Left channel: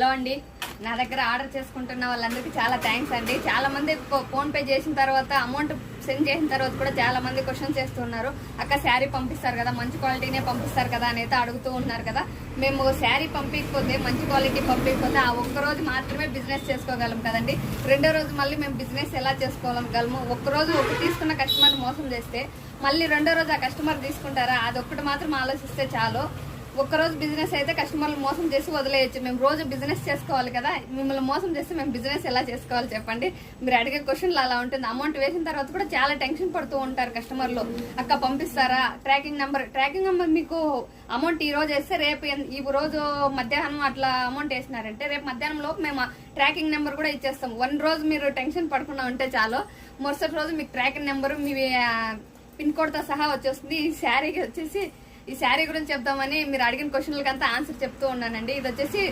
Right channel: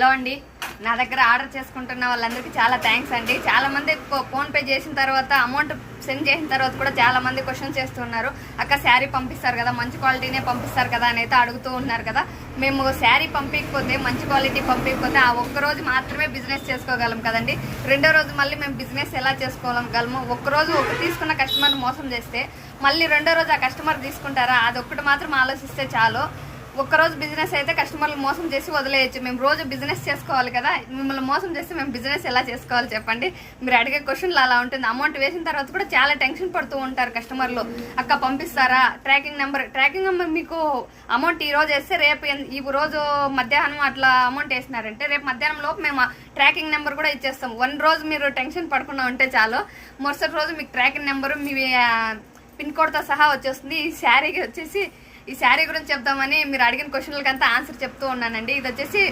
Hello అండి, నా దగ్గర ఆర్డర్ చేసుకుంటున్న వాళ్ళందరికీ చాలా థ్యాంక్స్ అండి. చాలా మంది ఫోన్ పే చేసిన తర్వాత అమౌంట్ సెండ్ చేసిన తర్వాత కూడా చాలా మంది క్వశ్చన్ చేస్తున్నారు. అక్క శారీ పంపిస్తారు కదా, మంచి క్వాలిటీనే పంపిస్తారు కదా అని అయితే అడుగుతూ ఉన్నారు కదా. మేము శారీ పంపించకపోతే, మంచి క్వాలిటీ పంపించకపోతే ఆ ఒక్కరోజు మాత్రమే బిజినెస్ చేసుకోగలం కదండి. రెండో రోజు మళ్ళీ మేము బిజినెస్ ఎలా చేసుకోగలము? ఒక్కరోజు తీసుకున్న కస్టమర్ మోసం చేస్తే మళ్ళీ రెండో రోజు ఆ కస్టమర్ తీసుకుంటారా? అదొక్కటి మాత్రం ఆలోచిస్తే చాలు. ఒక్కరోజు బిజినెస్ అయితే కస్టమర్లు మోసం చేసి వదిలేయచ్చు. మేము రోజు బిజినెస్ చేసుకోవాలి కదా. మిమ్మల్ని మోసం చేస్తే మేము బిజినెస్ ఎలా చేసుకోవాలి చెప్పండి? మీరు అడిగే క్వశ్చన్లు అలా ఉంటుంది. అమౌంట్ వేసిన తర్వాత కూడా చాలా టెన్షన్ పడుతూ ఉంటారు కస్టమర్లు. అక్క పంపిస్తారా? ట్రాకింగ్ నెంబర్ మీకు అమౌంట్ ఈ రోజు వేస్తే రేపు ఈ రోజు మధ్యాహ్నం అట్లా అమౌంట్ వేసినారంటే రేపు మధ్యాహ్నం లోపు మేము ట్రాకింగ్ నెంబర్ కూడా ఇచ్చేస్తాం. వన్ రోజు మీరు టెన్షన్ పడకుండా ఉంటే చాలు, మరుసటి రోజు మీకు ట్రాకింగ్ నెంబర్ మీ పిన్ కోడ్ తో సహా వచ్చేస్తుంది. ఈ శారీ గురించి చెప్దామని మీరు అడిగిన క్వశ్చన్లకంతా ఆన్సర్ చెప్తూ ఉన్నానండి. ఇది వచ్చేసి